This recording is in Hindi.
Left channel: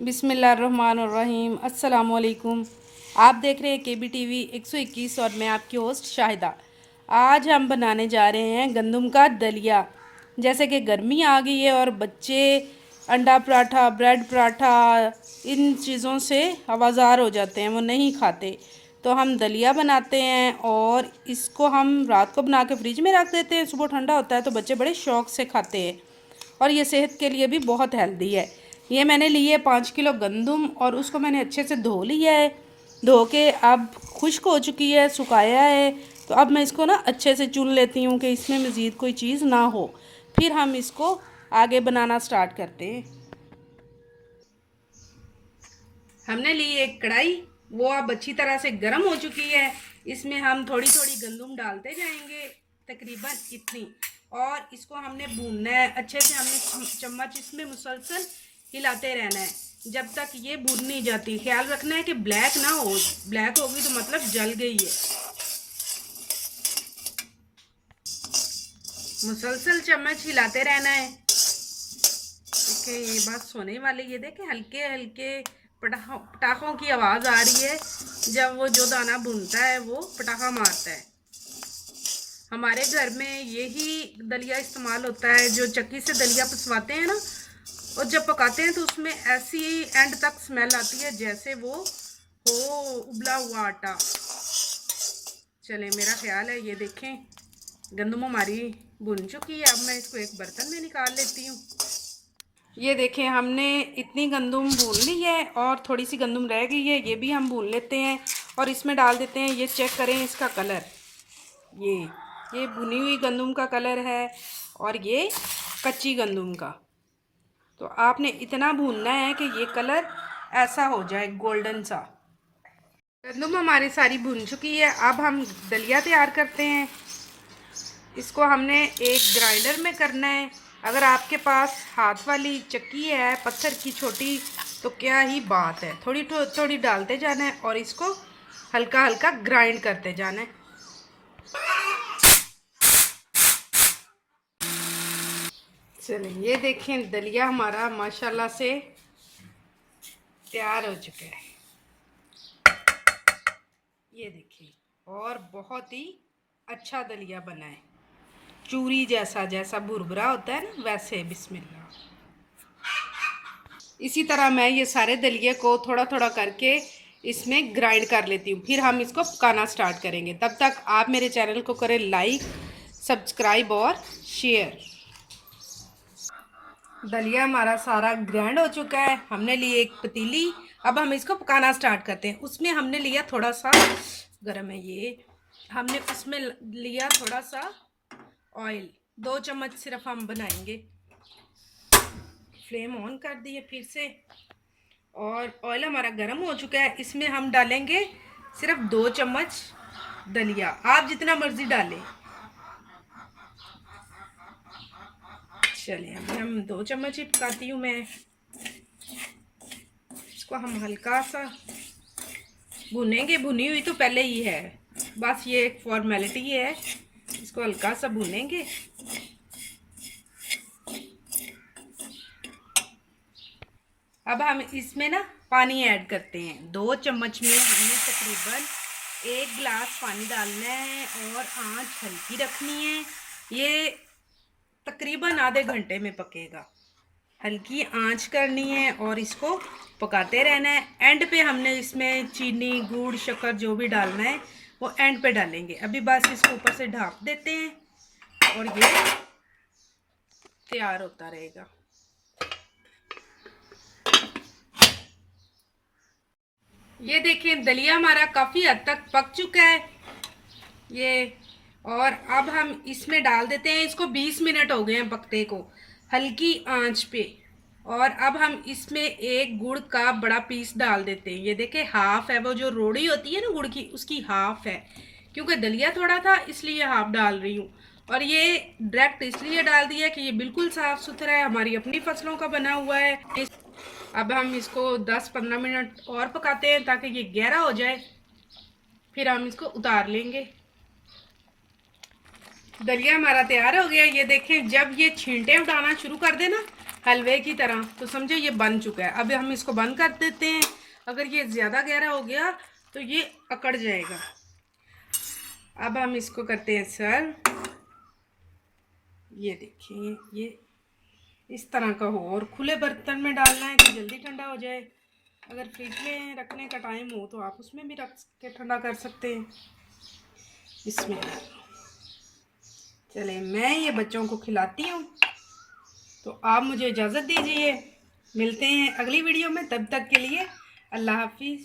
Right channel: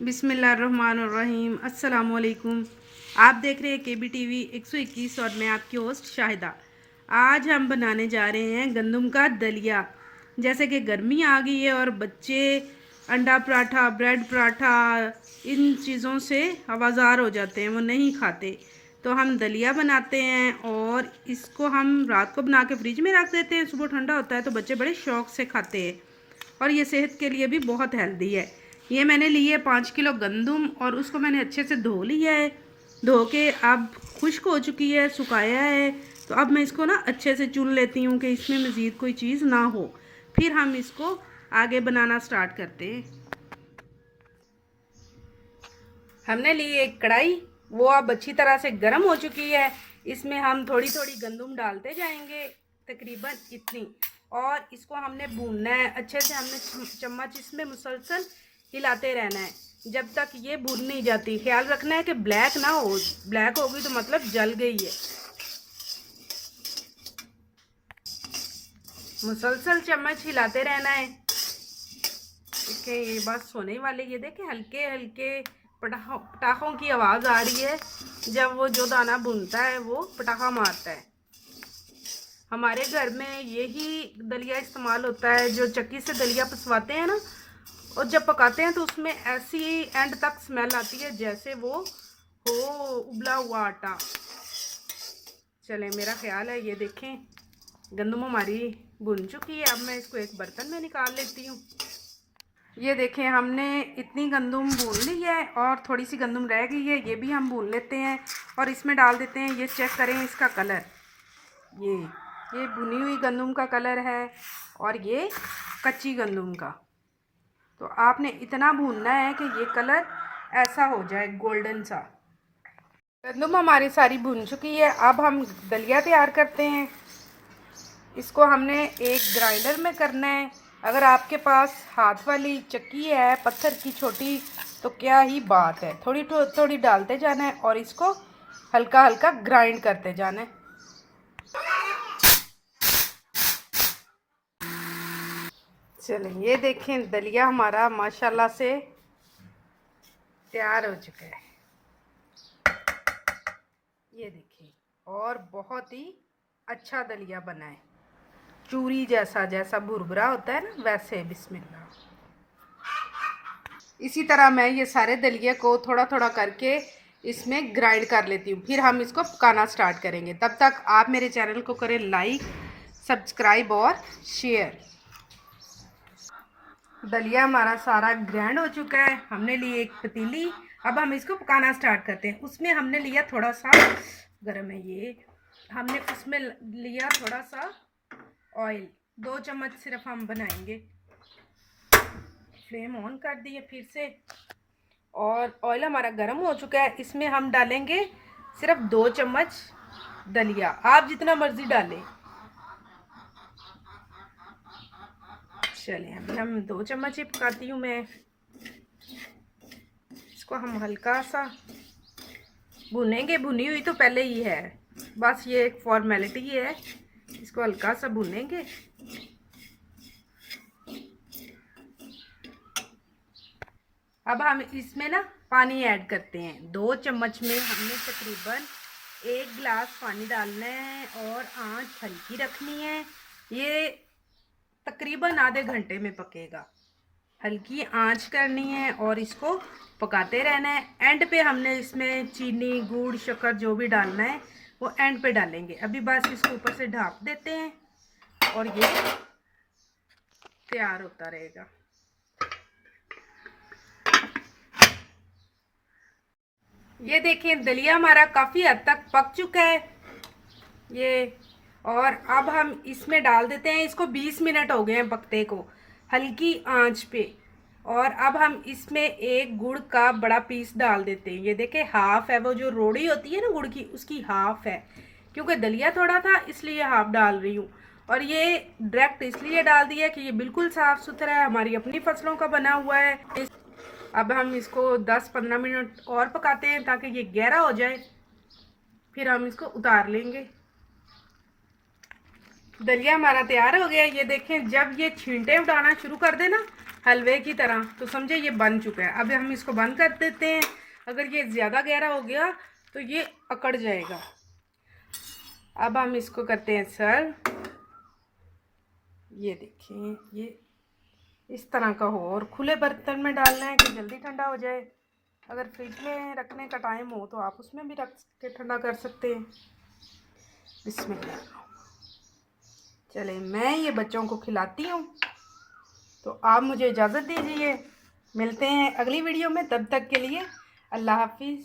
बिस्मिल्लाहिर्रहमानिर्रहीम। अस्सलाम वालेकुम। आप देख रहे हैं KBTV 121 और मैं आपकी होस्ट शाहिदा। आज हम बनाने जा रहे हैं गंदम का दलिया। जैसे कि गर्मी आ गई है और बच्चे अंडा पराठा, ब्रेड पराठा, इन चीज़ों से आवाज़ार हो जाते हैं, वो नहीं खाते। तो हम दलिया बनाते हैं और इसको हम रात को बना के फ्रिज में रख देते हैं। सुबह ठंडा होता है तो बच्चे बड़े शौक़ से खाते हैं और ये सेहत के लिए भी बहुत हेल्दी है। ये मैंने ली है 5 किलो गंदम और उसको मैंने अच्छे से धो लिया है। धो के अब खुश्क हो चुकी है, सुखाया है। तो अब मैं इसको ना अच्छे से चुन लेती हूँ कि इसमें मज़ीद कोई चीज़ ना हो। फिर हम इसको आगे बनाना स्टार्ट करते हैं। हमने ली एक कढ़ाई, वो अब अच्छी तरह से गर्म हो चुकी है। इसमें हम थोड़ी थोड़ी गंदम डालते जाएंगे, तकरीबन इतनी। और इसको हमने भूनना है अच्छे से। हमने चम्मच इसमें मुसलसल हिलाते रहना है जब तक ये भून नहीं जाती। ख्याल रखना है कि ब्लैक ना हो, ब्लैक होगी तो मतलब जल गई है। मुसलसल चम्मच हिलाते रहना है। देखिए ये बात सोने वाली। ये देखें हल्के हल्के पटाखों की आवाज़ आ रही है। जब वो जो दाना भुनता है वो पटाखा मारता है। हमारे घर में यही दलिया इस्तेमाल होता है। जो चक्की से दलिया पिसवाते हैं ना, और जब पकाते हैं तो उसमें ऐसी एंड तक स्मेल आती है जैसे वो हो उबला हुआ आटा। चले, मेरा ख्याल है ये देखें गंदम हमारी भुन चुकी है। अब मैं इसको एक बर्तन में निकाल लेती हूँ। ये देखें हमने इतनी गंदम भून ली है और थोड़ी सी गंदम रह गई है, ये भी हम भून लेते हैं और इसमें डाल देते हैं। ये चेक करें इसका कलर, ये भुनी हुई गंदम का कलर है और ये कच्ची गंदम का। तो आपने इतना भूनना है कि ये कलर ऐसा हो जाए गोल्डन सा। गंदम हमारी सारी भुन चुकी है। अब हम दलिया तैयार करते हैं। इसको हमने एक ग्राइंडर में करना है। अगर आपके पास हाथ वाली चक्की है पत्थर की छोटी तो क्या ही बात है। थोड़ी थोड़ी डालते जाना है और इसको हल्का हल्का ग्राइंड करते जाना है। चलिए ये देखें दलिया हमारा माशाल्लाह से तैयार हो चुका है। ये देखिए, और बहुत ही अच्छा दलिया बना है, चूरी जैसा। जैसा भुरभुरा होता है ना वैसे। बिस्मिल्लाह। इसी तरह मैं ये सारे दलिए को थोड़ा थोड़ा करके इसमें ग्राइंड कर लेती हूँ। फिर हम इसको पकाना स्टार्ट करेंगे। तब तक आप मेरे चैनल को करें लाइक, सब्सक्राइब और शेयर। दलिया हमारा सारा ग्राइंड हो चुका है। हमने ली एक पतीली। अब हम इसको पकाना स्टार्ट करते हैं। उसमें हमने लिया थोड़ा सा, गर्म है ये, हमने उसमें लिया थोड़ा सा ऑयल। 2 चम्मच सिर्फ हम बनाएंगे। फ्लेम ऑन कर दिए फिर से और ऑयल हमारा गर्म हो चुका है। इसमें हम डालेंगे सिर्फ 2 चम्मच दलिया। आप जितना मर्ज़ी डालें। चलिए अभी हम 2 चम्मच ही पकाती हूँ मैं। इसको हम हल्का सा भुनेंगे। भुनी हुई तो पहले ही है, बस ये एक फॉर्मेलिटी है। इसको हल्का सा भुनेंगे। अब हम इसमें ना पानी ऐड करते हैं। 2 चम्मच में हमने तकरीबन 1 गिलास पानी डालना है और आंच हल्की रखनी है। ये तकरीबन आधे घंटे में पकेगा। हल्की आंच करनी है और इसको पकाते रहना है। एंड पे हमने इसमें चीनी, गुड़, शक्कर जो भी डालना है वो एंड पे डालेंगे। अभी बस इसको ऊपर से ढाँप देते हैं और ये तैयार होता रहेगा। ये देखें दलिया हमारा काफ़ी हद तक पक चुका है ये। और अब हम इसमें डाल देते हैं। इसको 20 मिनट हो गए हैं पकते को, हल्की आंच पे। और अब हम इसमें एक गुड़ का बड़ा पीस डाल देते हैं। ये देखें हाफ है, वो जो रोड़ी होती है ना गुड़ की, उसकी हाफ है। क्योंकि दलिया थोड़ा था इसलिए हाफ डाल रही हूँ। और ये डायरेक्ट इसलिए डाल दिया कि ये बिल्कुल साफ़ सुथरा है, हमारी अपनी फसलों का बना हुआ है। अब हम इसको 10-15 मिनट और पकाते हैं ताकि ये गहरा हो जाए। फिर हम इसको उतार लेंगे। दलिया हमारा तैयार हो गया। ये देखें जब ये छींटे उठाना शुरू कर दे ना हलवे की तरह। तो समझे ये बन चुका है। अब हम इसको बंद कर देते हैं। अगर ये ज़्यादा गहरा हो गया तो ये अकड़ जाएगा। अब हम इसको करते हैं सर्व। ये देखिए ये इस तरह का हो, और खुले बर्तन में डालना है कि जल्दी ठंडा हो जाए। अगर फ्रिज में रखने का टाइम हो तो आप उसमें भी रख के ठंडा कर सकते हैं। बिस्मिल्लाह। चले मैं ये बच्चों को खिलाती हूँ, तो आप मुझे इजाज़त दीजिए। मिलते हैं अगली वीडियो में, तब तक के लिए अल्लाह हाफिज़।